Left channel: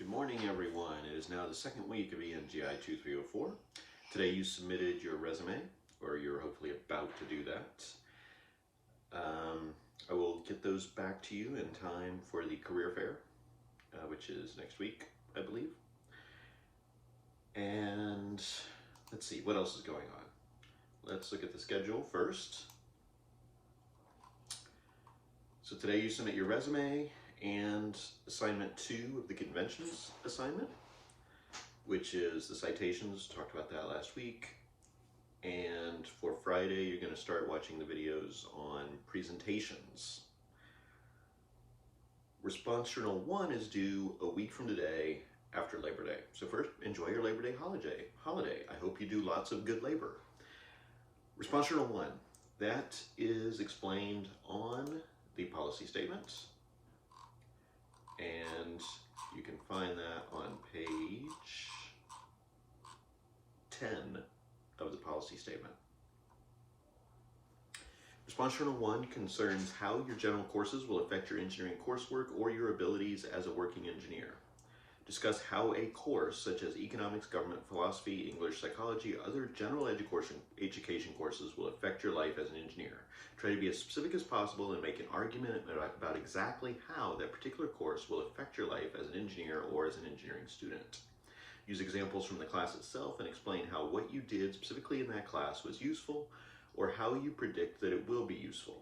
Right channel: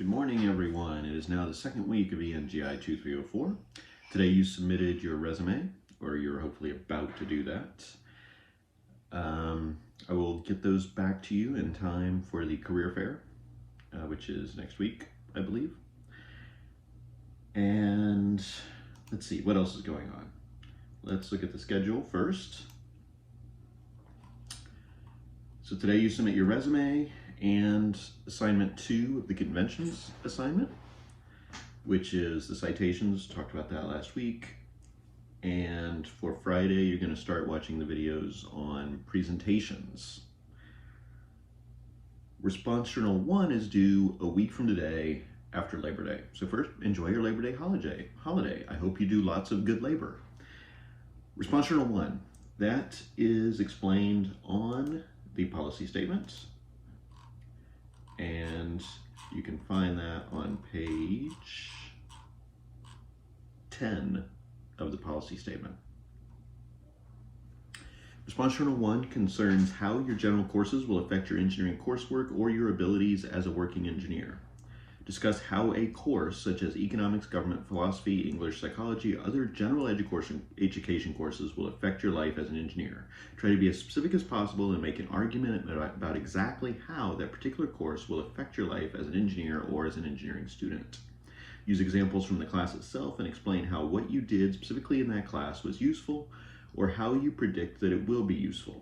Good morning, everyone. It is now the second week of ENGI 2304. Today you submitted your resume, or you're hopefully about to do that. I will get those back to you in time for the career fair, which is next week, I believe. And let's see, what else is going on? Let's look at the schedule first. So today you submit your resume and assignment 2 of the conventions assignment, which is the citations. Talked about that last week. And for Friday, you're going to start watching the videos on presentations. Response Journal 1 is due a week from today after Labor Day. So first, enjoy your Labor Day holiday. I hope you do lots of good labor. Response Journal 1, that is explained on the policy statements. And you can find that on page 10 of the policy statement. Response Journal 1 concerns how your general courses will affect your engineering coursework or your abilities as a working engineer. Discuss how a course such as economics, government, philosophy, English, psychology, other general education courses will affect your life as an engineer. Try to be as specific as possible and make an argument about exactly how that particular course will affect your life as an engineer or as an engineering student. Use examples from the class itself and explain how what you did specifically in that class was useful or how you predict that it will be useful.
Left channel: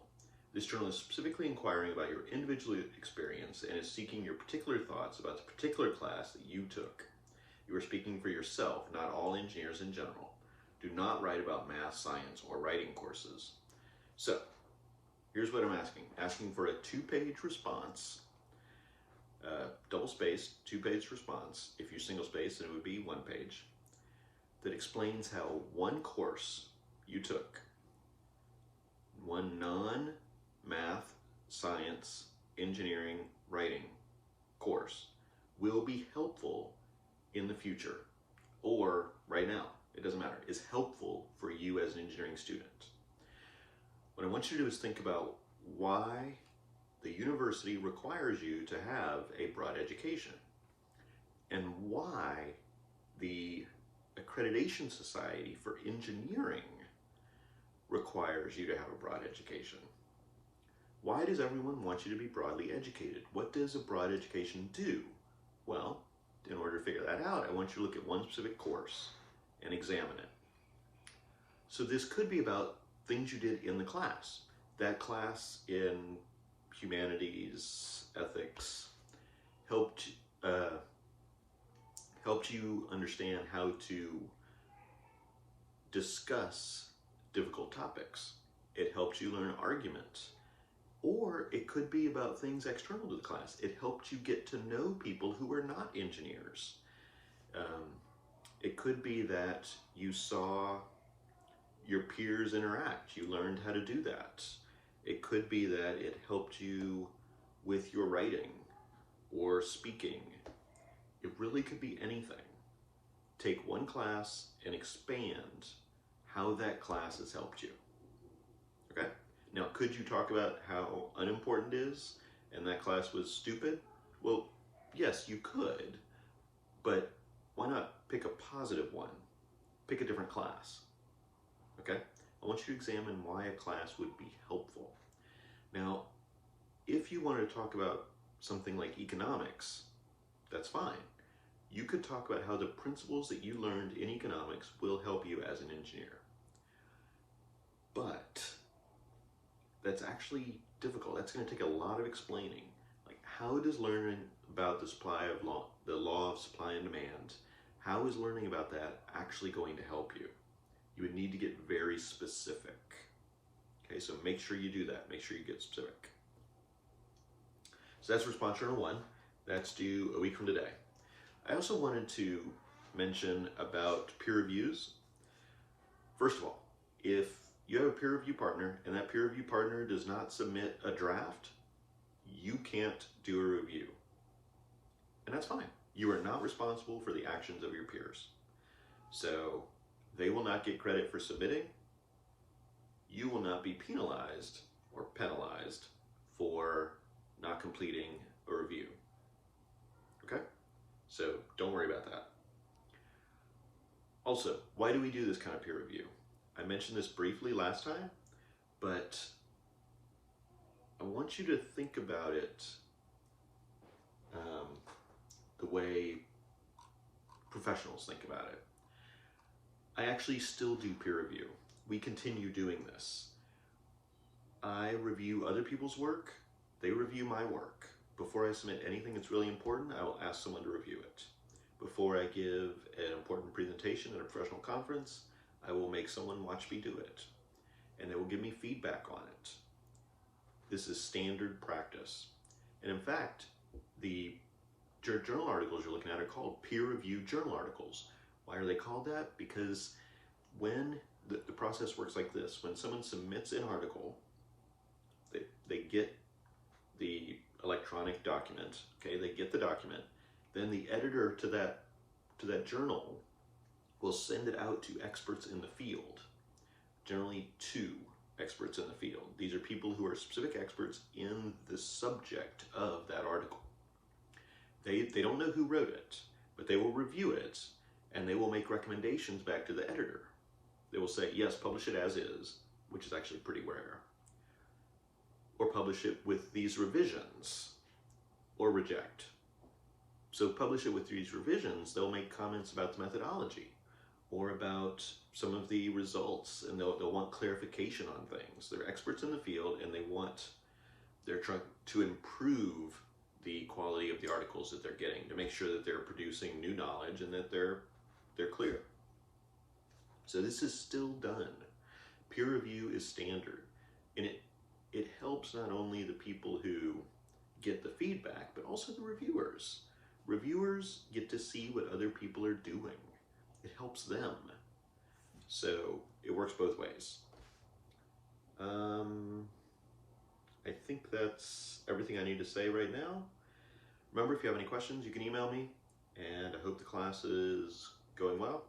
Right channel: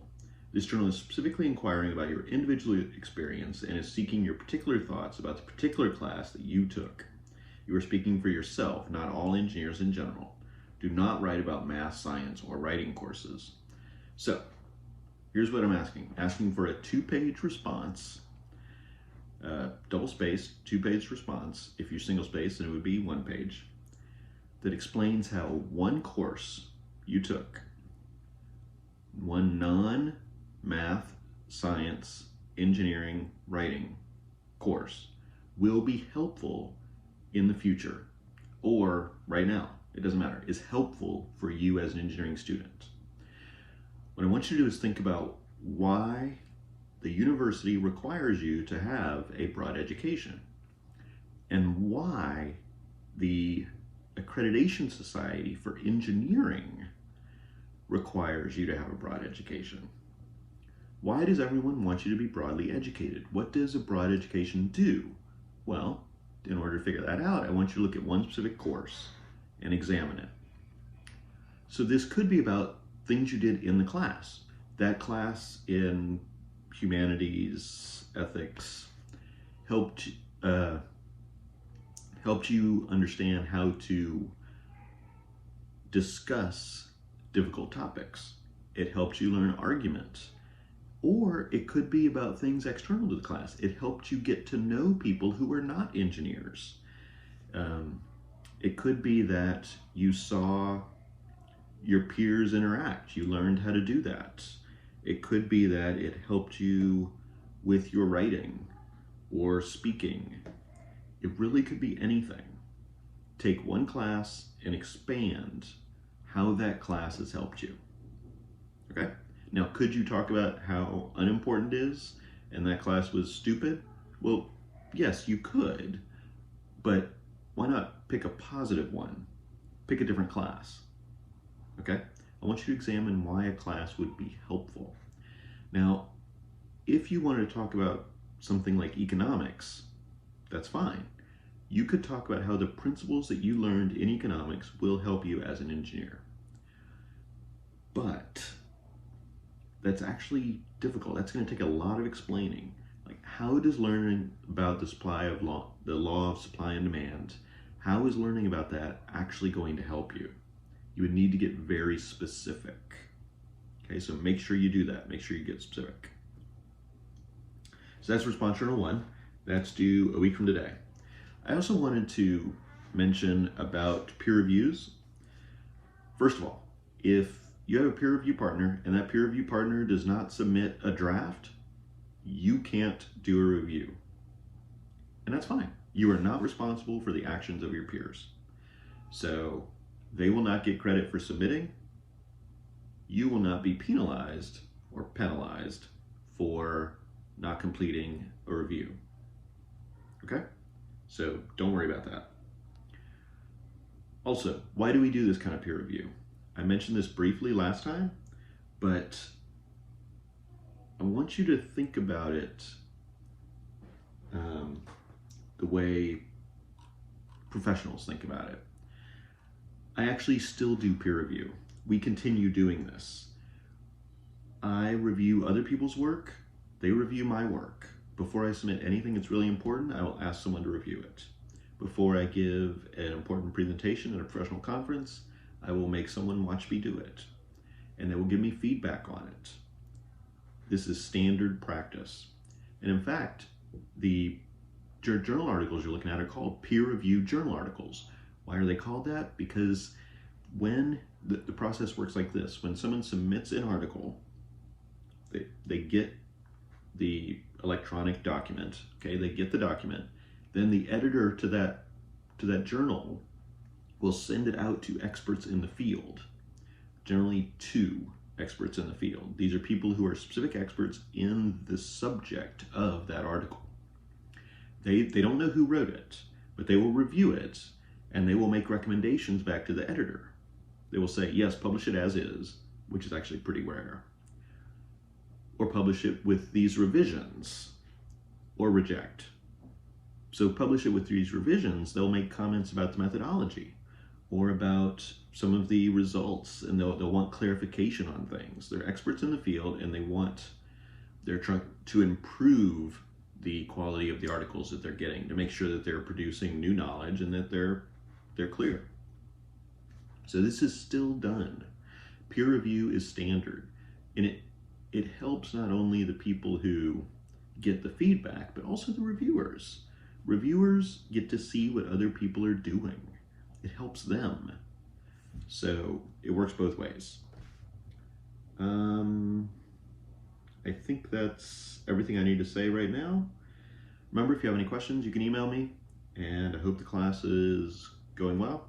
This journal is specifically inquiring about your individual experience and is seeking your particular thoughts about the particular class that you took. You are speaking for yourself, not all engineers in general. Do not write about math, science, or writing courses. So, here's what I'm asking. Asking for a 2-page response, double-spaced, 2-page response. If you single-space, then it would be 1 page, that explains how one course you took, one non-math, science, engineering, writing course, will be helpful in the future, or right now, it doesn't matter, is helpful for you as an engineering student. What I want you to do is think about why the university requires you to have a broad education, and why the Accreditation Society for Engineering requires you to have a broad education. Why does everyone want you to be broadly educated? What does a broad education do? Well, in order to figure that out, I want you to look at one specific course and examine it. So this could be about things you did in the class. That class in humanities, ethics, helped you understand how to discuss difficult topics. It helped you learn argument. Or it could be about things external to the class. It helped you get to know people who are not engineers. It could be that you saw your peers interact. You learned how to do that. It could be that it helped you with your writing or speaking. It really could be anything. Take one class and expand how that class has helped you. Okay? Now, could you talk about how unimportant it is and that class was stupid? Well, yes, you could, but why not pick a positive one? Pick a different class. Okay? I want you to examine why a class would be helpful. Now, if you wanted to talk about something like economics, that's fine. You could talk about how the principles that you learned in economics will help you as an engineer. But that's actually difficult. That's going to take a lot of explaining. Like, how does learning about the law of supply and demand, how is learning about that actually going to help you? You would need to get very specific. Okay, so make sure you do that. Make sure you get specific. So that's Response Journal 1. That's due a week from today. I also wanted to mention about peer reviews. First of all, if you have a peer review partner and that peer review partner does not submit a draft, you can't do a review. And that's fine. You are not responsible for the actions of your peers. So they will not get credit for submitting. You will not be penalized or penalized for not completing a review. Okay? So don't worry about that. Also, why do we do this kind of peer review? I mentioned this briefly last time, but I want you to think about it the way professionals think about it. I actually still do peer review. We continue doing this. I review other people's work, they review my work. Before I submit anything that's really important, I will ask someone to review it. Before I give an important presentation at a professional conference, I will make someone watch me do it, and they will give me feedback on it. This is standard practice. And in fact, the journal articles you're looking at are called peer-reviewed journal articles. Why are they called that? Because when the process works like this, when someone submits an article, they get the electronic document, okay, they get the document, then the editor to that journal will send it out to experts in the field, generally 2 experts in the field. These are people who are specific experts in the subject of that article. They don't know who wrote it, but they will review it, and they will make recommendations back to the editor. They will say, yes, publish it as is, which is actually pretty rare, or publish it with these revisions, or reject. So publish it with these revisions, they'll make comments about the methodology, or about some of the results, and they'll want clarification on things. They're experts in the field, and they're trying to improve the quality of the articles that they're getting, to make sure that they're producing new knowledge and that they're clear. So this is still done. Peer review is standard, and it helps not only the people who get the feedback, but also the reviewers. Reviewers get to see what other people are doing. It helps them. So it works both ways. I think that's everything I need to say right now. Remember, if you have any questions, you can email me, and I hope the class is going well.